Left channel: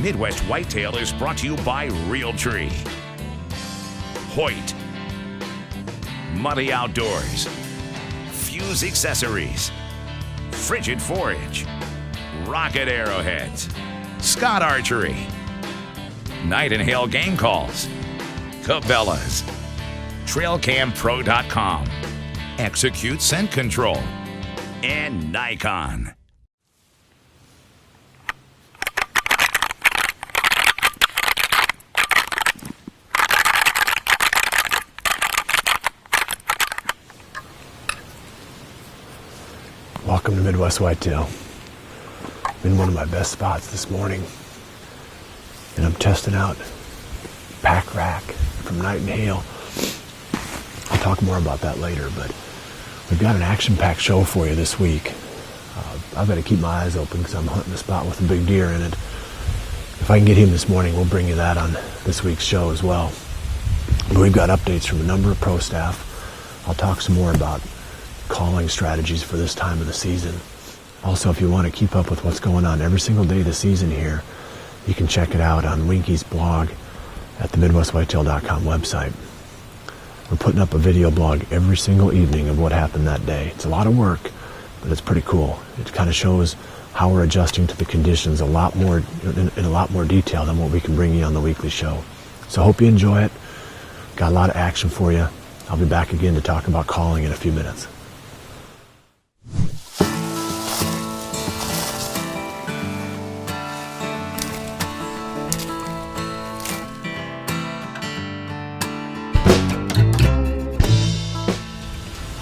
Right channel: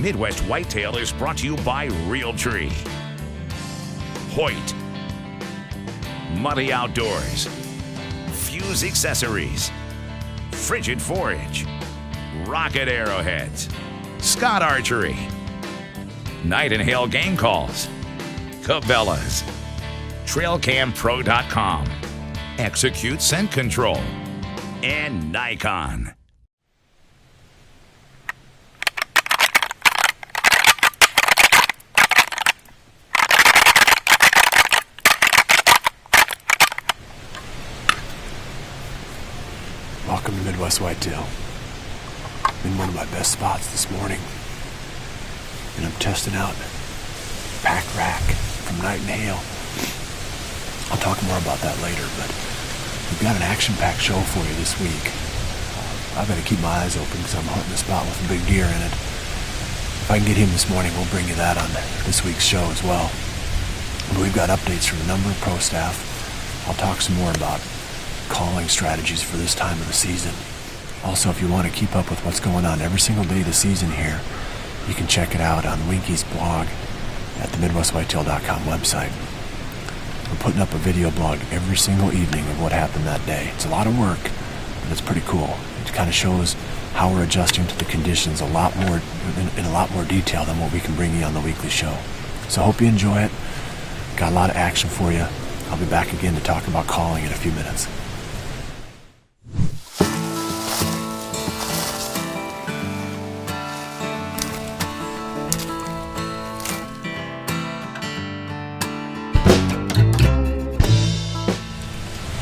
Midwest Whitetail is brought to you by Realtree, Hoyt, Muddy Outdoors, Fuse Accessories, Frigid Forage, Rocket Arrowheads, Scott Archery, Night and Hail Game Calls, Cabela's, TrailCamPro.com, Execute Scent Control, and Nikon. Welcome to Midwest Whitetail. I'm in one of my best spots this morning, and I'm testing out Pack Rack from Night and Hail. I'll talk more about that later, but we've got an action-packed show for you this week. I've got to keep my eyes open because I'm hunting a spot with a big deer in it. If I can get him this morning, we'll bring you that on this week's show as well. But we've got updates from a number of pro staff. I'll talk some more about calling strategies for this time of the season. Also, if you want to keep up with what's going on every single day this season here, you can check it out on Winky's blog at the MidwestWhitetail.com website. We're putting up a video blog every single evening of what happened that day. It's a lot of work, but it's pretty cool. It kind of shows how we're adjusting to the conditions in a lot more detail than what we can bring you on the weekly show. So I hope you enjoy it. Got a lot of action for you. I'll be back again to talk about calling in a few minutes.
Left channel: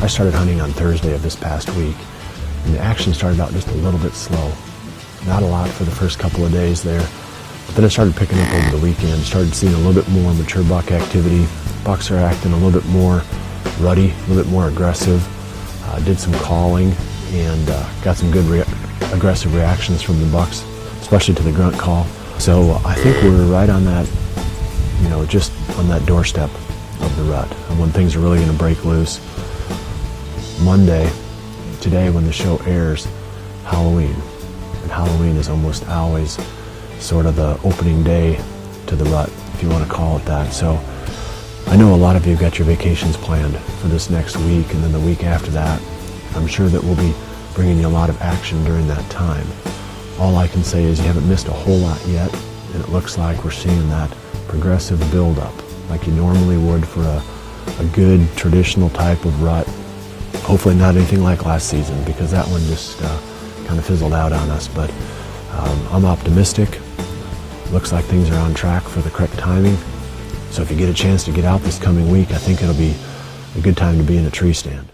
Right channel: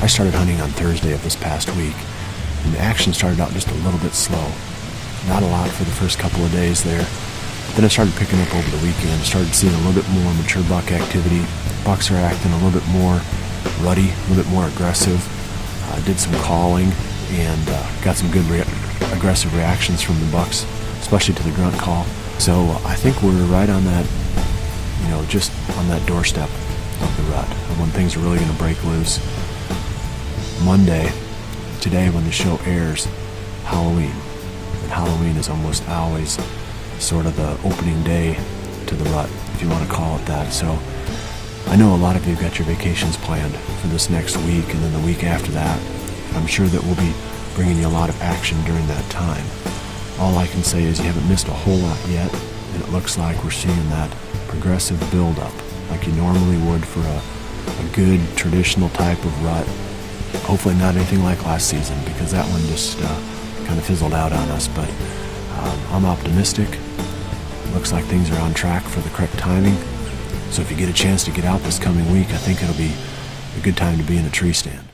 I started hunting on Thursday of this past week. The action started out just a little bit slow. Not a lot for the first couple of days there. But then I started picking up over the weekend, started seeing a little bit more mature buck activity. Bucks are acting a little bit more ruddy, a little bit more aggressive. Did some calling and got some good aggressive reactions from the bucks, especially to the grunt call. So I think we're right on that, just on that doorstep of the rut, when things are really going to break loose. Monday, today when the show airs, Halloween. And Halloween is almost always sort of the opening day to the rut, if you want to call it that. So I know a lot of you have got your vacations planned for this next week and then the week after that. I'm sure that we'll be bringing you a lot of action during that time. All I can say is you haven't missed a whole lot yet, and it looks like we're seeing that progressive buildup like you normally would for a good traditional type of rut. Hopefully not anything like last season, because that one just kind of fizzled out on us. But I'm optimistic. Looks like things are on track for the correct timing. So if you get a chance to get out this coming week, I think it'll be a good time to be in a tree stand.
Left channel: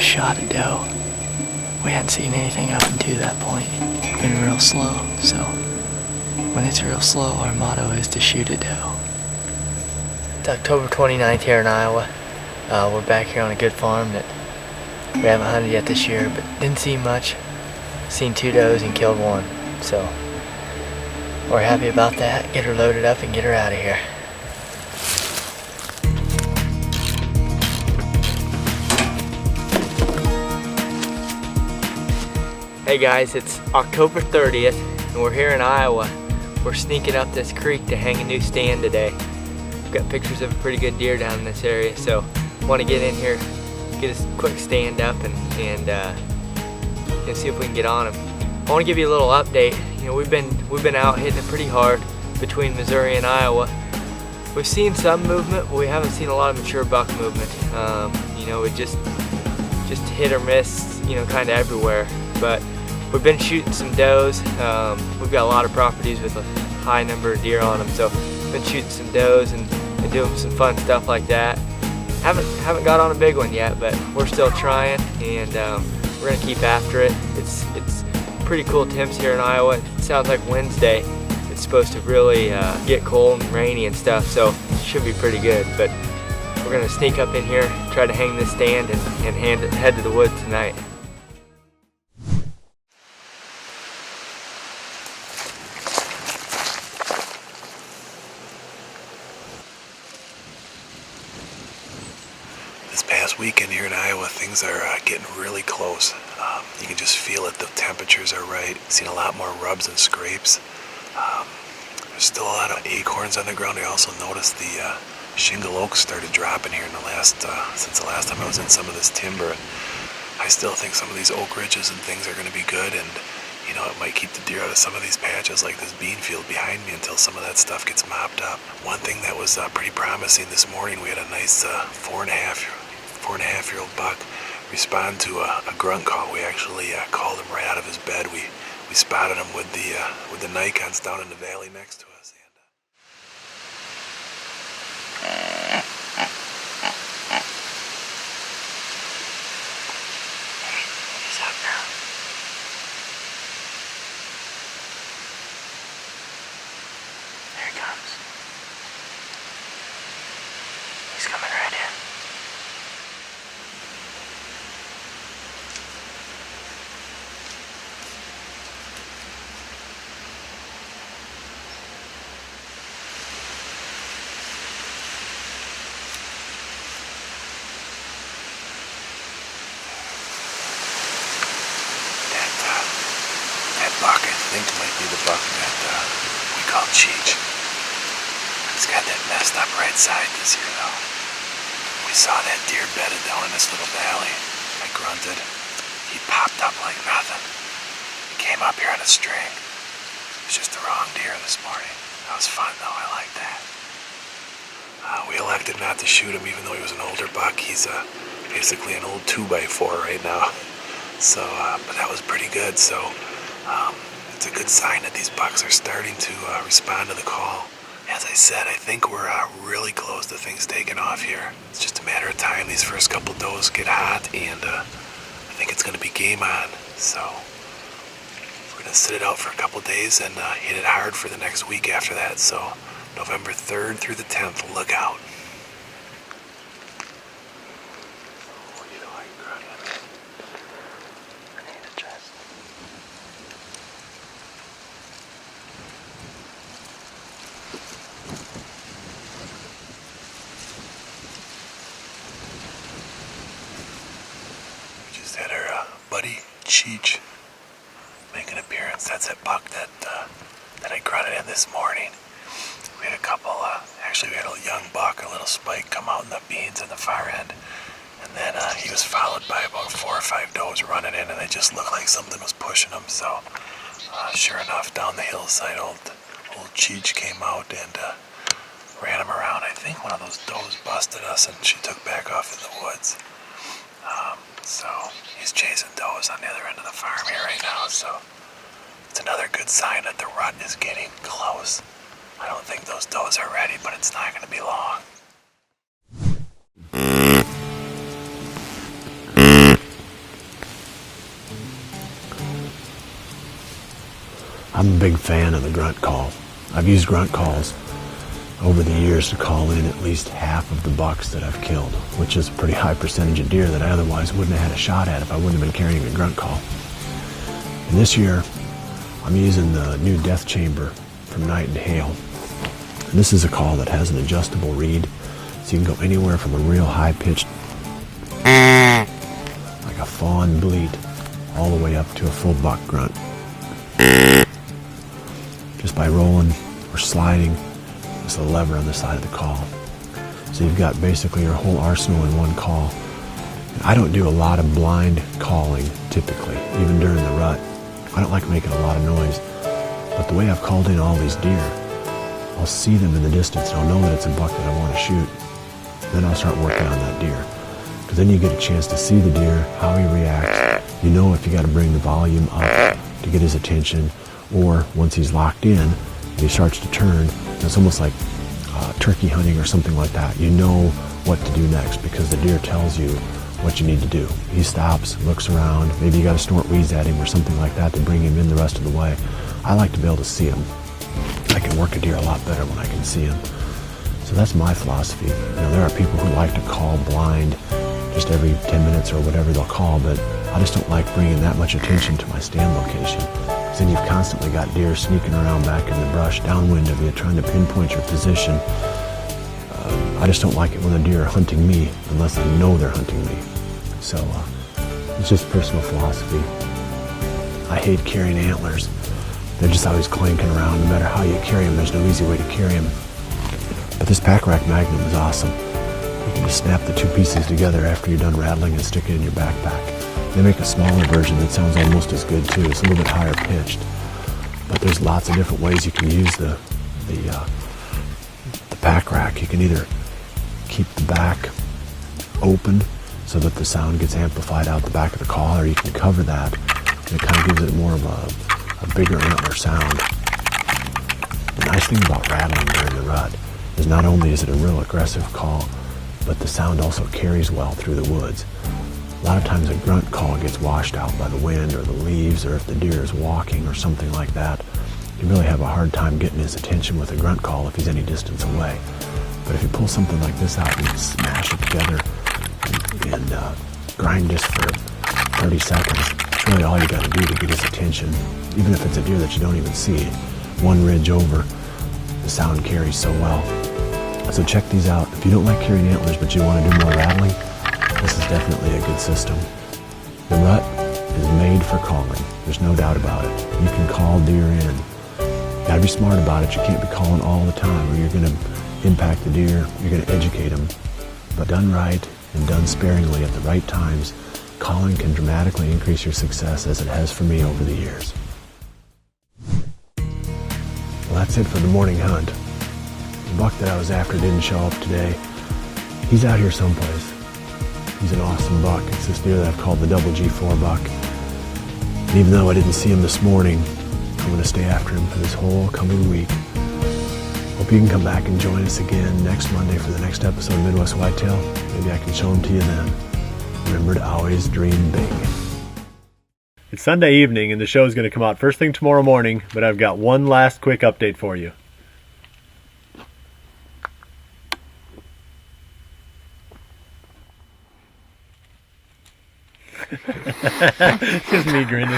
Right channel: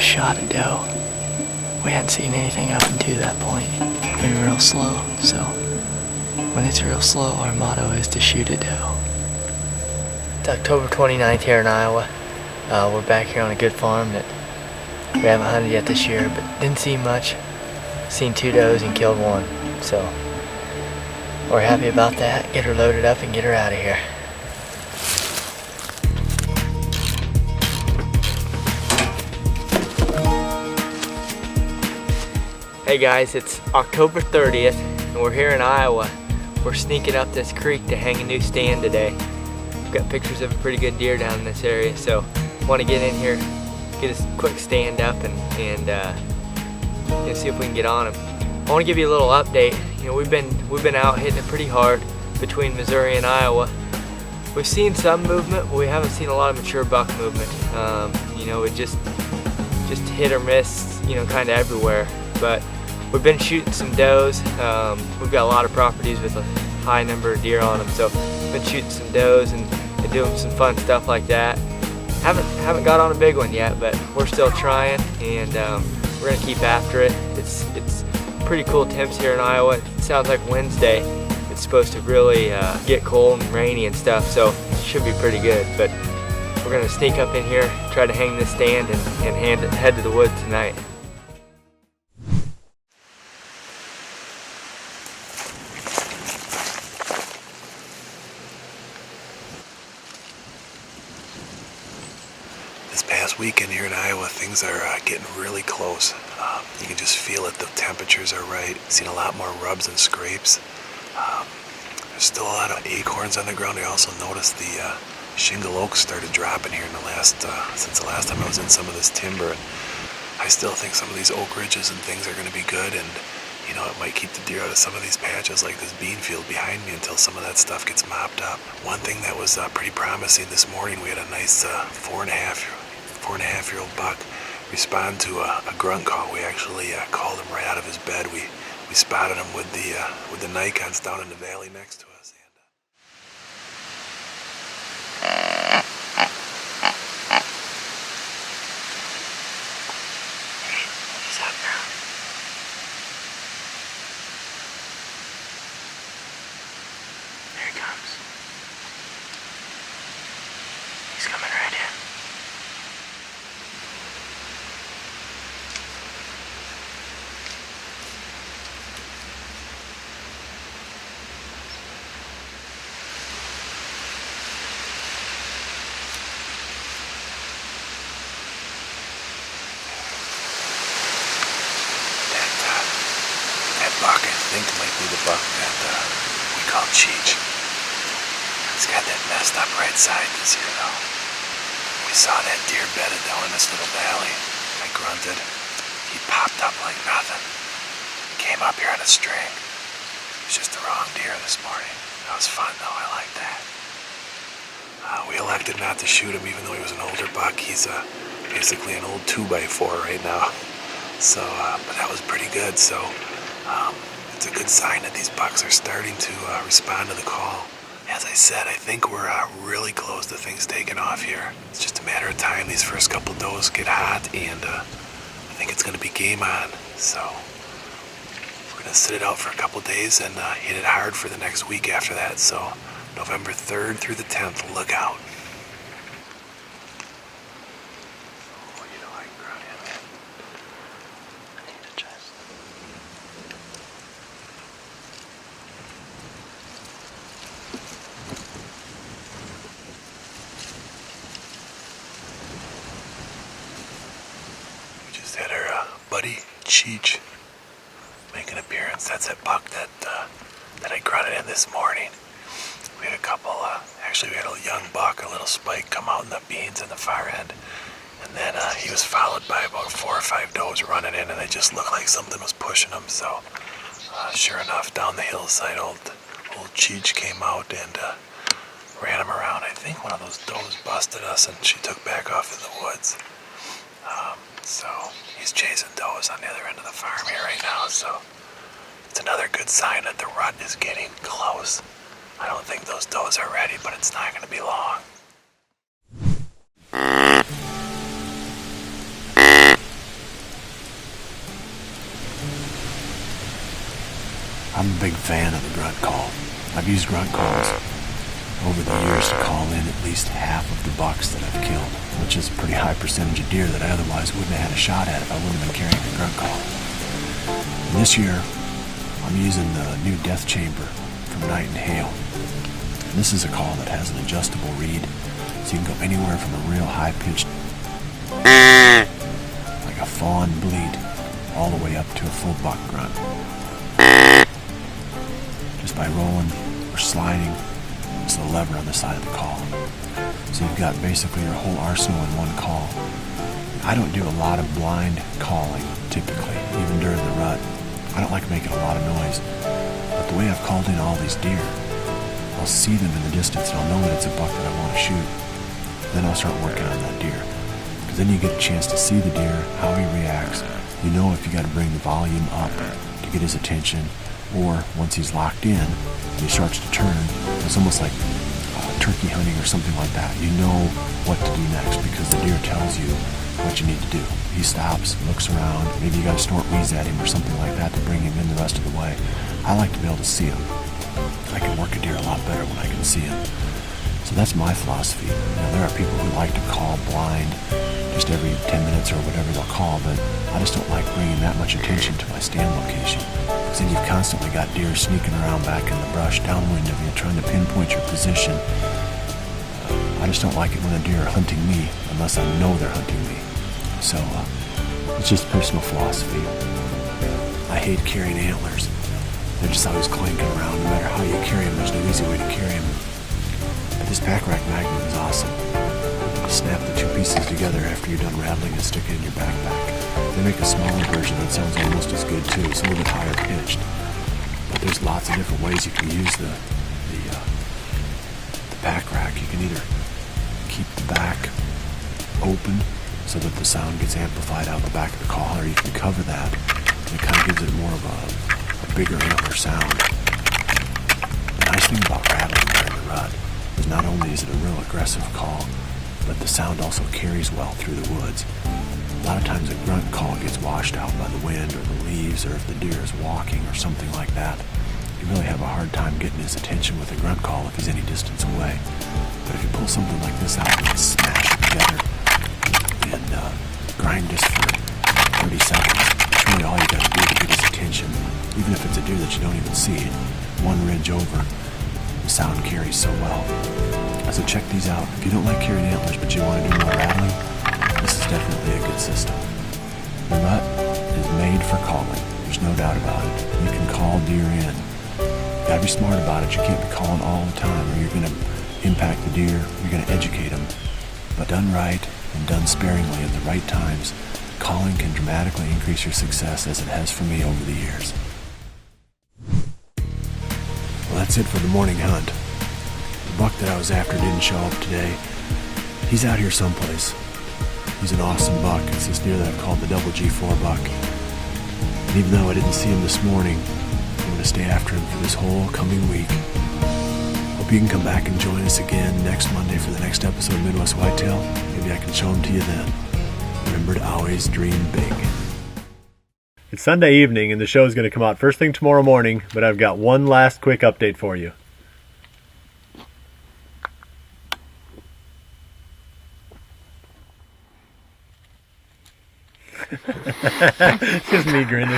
Shot a doe. We hadn't seen anything up until that point. It's been real slow, so when it's real slow, our motto is to shoot a doe. It's October 29th here in Iowa. We're back here on a good farm that we haven't hunted yet this year, but didn't see much. Seen 2 does and killed 1, so we're happy about that. Get her loaded up and get her out of here. Hey guys, it's October 30th and we're here in Iowa. We're sneaking up this creek to hang a new stand today. We've got pictures of a pretty good deer down in this area, so want to get in here, get a quick stand up and see if we can get on him. I want to give you a little update. We've been out hitting it pretty hard between Missouri and Iowa. We've seen some movement, but we haven't seen a lot of mature buck movement. It just just hit or miss, you know, kind of everywhere. But we've been shooting some does. We've got a lot of properties with a high number of deer on them, so been shooting some does and doing some fun stuff like that. Haven't got on a big one yet, but we're still trying, and we're gonna keep after it. It's pretty cool temps here in Iowa. It sounds like Wednesday it's supposed to really get cold and rainy and stuff, so it should be pretty good. But we're gonna sneak up in here, try to hang this stand, and head to the woods tonight. This past weekend here in Iowa, things are getting really close. You can just feel it. The temperatures are right. Seen a lot more rubs and scrapes. There's still a lot of acorns on the ground. I also noticed the shingle oaks started dropping here in the since the last time I was in some of this timber. And I still think some of these oak ridges and things are going to be good, and you know, it might keep the deer out of some of these patches like this bean field behind me until some of that stuff gets mopped up. One thing that was pretty promising this morning, we had a nice 4.5-year-old buck respond to a grunt call. We actually called him right out of his bed. We spotted him with the Nikons down in the valley next to us. He's up now. There he comes. He's coming right in. That buck, I think, might be the buck that we call Cheech. It's got that messed up right side this year, though. We saw that deer bedded down in this little valley. I grunted. He popped up like nothing. He came up here on a string. It was just the wrong deer this morning. That was fun, though. I liked that. We elected not to shoot him, even though he was an older buck. He's basically an old 2x4 right now. So, but that was pretty good. So, it's a good sign that these bucks are starting to respond to the call. As I said, I think we're really close to things taking off here. It's just a matter of time. These first couple does get hot, and I think it's going to be game on. So, we're going to sit it out for a couple days and hit it hard for the next week after that. So, November 3rd through the 10th, look out. Had our buddy Cheech make an appearance. That's that buck that I grunted in this morning. We had a couple, actually we had a young buck, a little spike, come out in the beans in the far end. And then he was followed by about 4 or 5 does running in, and they just looked like something was pushing them. So sure enough, down the hillside, old Cheech came out and ran him around. I think one of those does busted us, and she took back off in the woods. So he's chasing does on the other end of the farm here right now, so it's another good sign that the rut is getting close. I don't think those does are ready, but it's not going to be long. I'm a big fan of the grunt call. I've used grunt calls over the years to call in at least half of the bucks that I've killed, which is a pretty high percentage of deer that I otherwise wouldn't have had a shot at if I wouldn't have been carrying a grunt call. And this year, I'm using the new death chamber from Night and Hail. This is a call that has an adjustable reed, so you can go anywhere from a real high-pitched, like a fawn bleat, all the way up to a full buck grunt. Just by rolling or sliding, it's the lever on the side of the call. So you've got basically your whole arsenal in one call. I don't do a lot of blind calling, typically, even during the rut. I don't like making a lot of noise. But the way I've called in all these deer, I'll see them in the distance and I'll know that it's a buck that I want to shoot. And then I'll start working on that deer. Because then you get a chance to see the deer, how he reacts. You know if you got to bring the volume up to get his attention, or once he's locked in, he starts to turn. It's almost like turkey hunting or something like that. You know what to do next because the deer tells you what you need to do. He stops, looks around. Maybe you got to snort wheeze at him or something like that to bring him in the rest of the way. I like to be able to see him. I can work a deer a lot better when I can see him. So that's my philosophy. Now, there are people who like to call blind just every 10 minutes or whatever they'll call, but I just don't like bringing that much attention to my stand location. So you've constantly got deer sneaking around back in the brush, downwind of you, trying to pinpoint your position. I just don't like it when the deer are hunting me unless I know they're hunting me. So it's just personal philosophy. I hate carrying antlers. They're just always clanking around. No matter how you carry them, there's no easy way to carry them. But this pack rack Magnum is awesome. You can just snap the two pieces together after you're done rattling and stick it in your backpack. They make a smaller version that sounds almost as good too. It's a little bit higher pitched. But there's lots of different ways you can use the pack rack. You can either keep the back open so that the sound gets amplified out the back of the call, or you can cover that. And it kind of gives it more of a bigger antler sound. The nice thing about rattling during the rut is not only is it a real aggressive call, but the sound also carries well through the woods. A lot of times a grunt call gets washed out by the wind or the leaves, or if the deer is walking or something like that. You really have a hard time getting his attention with a grunt call if he's any distance away. But if you pull something like this out and smash it together and grind this for 30 seconds, it's really all you got to do to get his attention. Even if it's a deer that you don't even see, one ridge over, the sound carries so well. So check these out. If you don't like carrying antlers but you want to do more rattling, this is definitely a good system. The rut is made for calling. There's no doubt about it. You can call deer in. You gotta be smart about it. You can't be calling all the time. You're gonna impact the deer. You're gonna educate them. But done right and done sparingly at the right times, calling can dramatically increase your success, as it has for me over the years. That's it for the morning hunt. The buck that I was after didn't show up today. He's out here someplace. He's an awesome buck. It's this deer that I called the double G4 buck. And even though I didn't see him this morning, I'm going to stay after him for this whole coming week. Hope you can come back and join us again next Monday for the next episode of Midwest Whitetail. Maybe I can show him to you then. Remember to always dream big. It's Sunday evening and the show is going to come out first thing tomorrow morning, but I've got one last quick update for you. Just me grinning.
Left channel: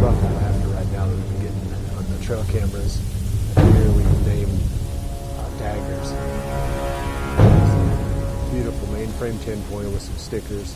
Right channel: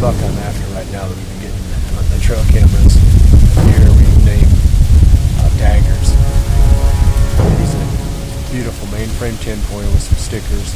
Buck I'm after right now that we've been getting on the trail cameras. Here we name daggers. He's a beautiful mainframe tinfoil with some stickers.